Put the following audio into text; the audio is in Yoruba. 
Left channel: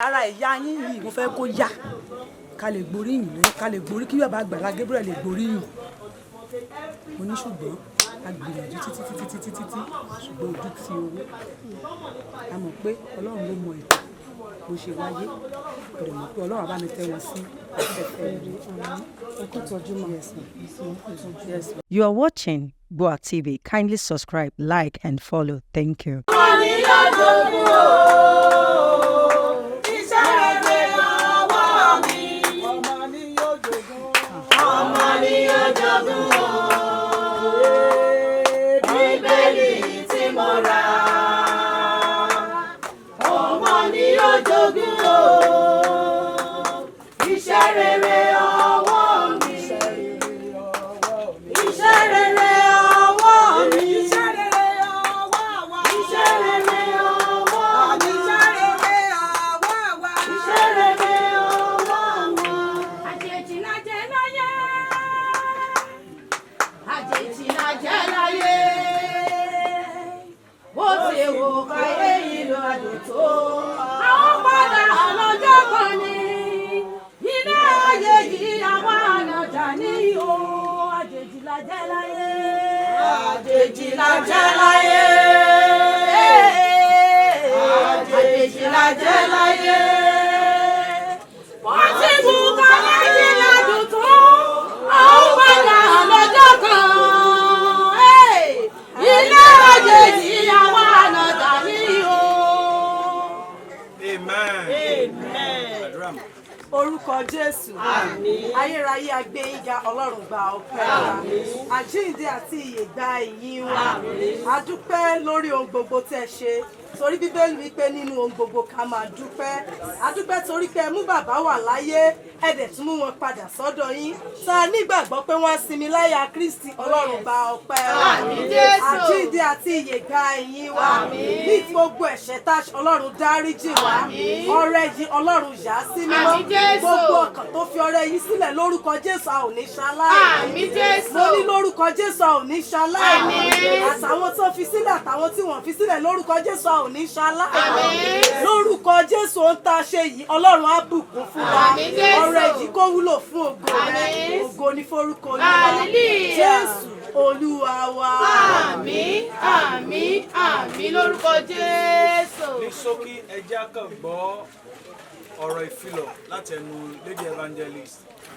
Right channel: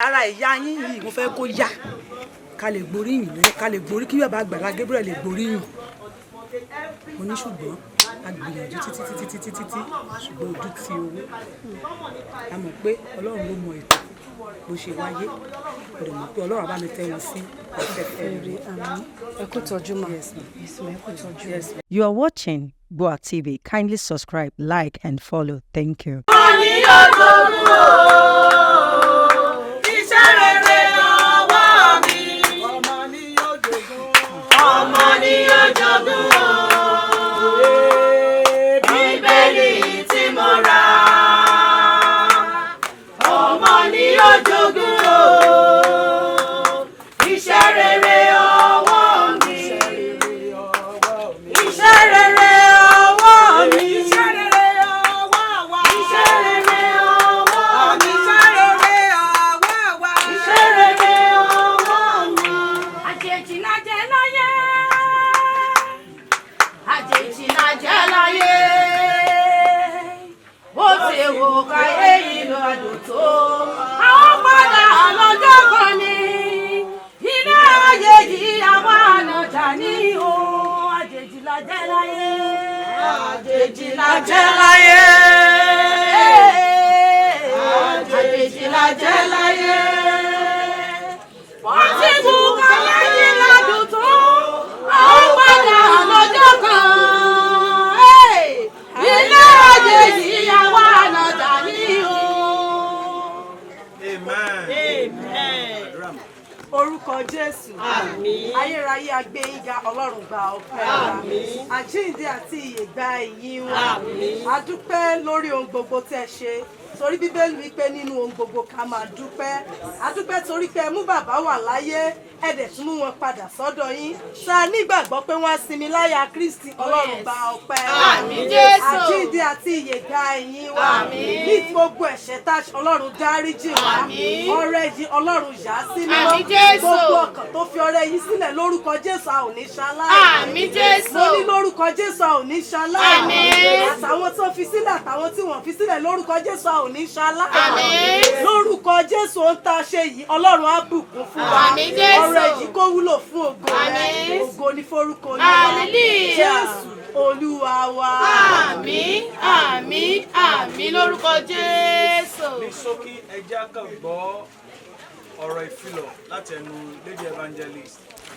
Ara ìyá yín yìí mo fẹ́ kó yá ká lè gboríyìn lórí ká lè gborí kí bàbá Àgbàlá Gabriel lè gboríyìn. Mo ní ṣùgbọ́n a gbìyànjú títí ṣùgbọ́n ojú ti owó. A mọ̀ pé Ọlọ́run ló mọ ètò bó ṣe wáyé. Mo dẹ̀ mọ̀ pé Ọlọ́run á bá mi tẹ́ wọn sí afẹ́fẹ́ rere. Ẹ kú tọ́jú ma. Yes, ma. Yes, ma. You are watching GboahTv. Kindly subscribe, like, and follow. Thank you. Orúkọ Jésù. Àmín. Ayérayé agbé yín ga, Ọlọ́run gba ọpẹ́ wa. Àmín. Àjíǹde àti ìyè gba ìyìn wa. Àmín. A dúpẹ́ lórí ohun gbogbo tí ẹ ṣe. Torí Bíbélì wípé nínú ohun gbogbo ká máa dúpẹ́. A dúpẹ́ torí pé ẹ mú bàbá wà láyé, ẹ dẹ̀ tún mú wọn padà sọ́dọ̀ yín. Sa nígbàgbọ́ pé wọ́n á sinmi láyà Kristi, Ọlọ́run gba ọpẹ́ wa. Àmín Jésù. Àjíǹde àti ìyè gba ìyìn wa. Àmín. Ní gbogbo ẹ̀ṣẹ̀ tá Ọlọ́run dáríjì wa. Àmín. Ọrẹ yìí Ọlọ́run yà á sí mímọ́. Àmín Jésù. Gbogbo ọkàn tó fi ọrẹ yìí sílẹ̀ lórúkọ Jésù a ò ní ṣaláì. Àmín Jésù. Mo ní lórúkọ Jésù a ò ní ṣaláì. Àmín. Àtàwọn tó fi sílẹ̀ àtàwọn tí wọ́n fi sílẹ̀ lórúkọ Jésù a ò ní ṣaláì. Àmín. Lórúkọ Jésù ohun tá a ṣe yìí Ọlọ́run á bùkún fún wa. Àmín Jésù. Ọrẹ yìí kó wúlò fún ògo rẹ̀. Ògo ni forúkọ Olúwa. Hallelujah. Jésù Olúwa wa. Àmín, àmín, àmín lórúkọ Jésù. Ní ṣókí ẹ jẹ́ ká gbọ́ ọ̀rọ̀ ìfilọ̀ láti ẹnu Lady Evangelist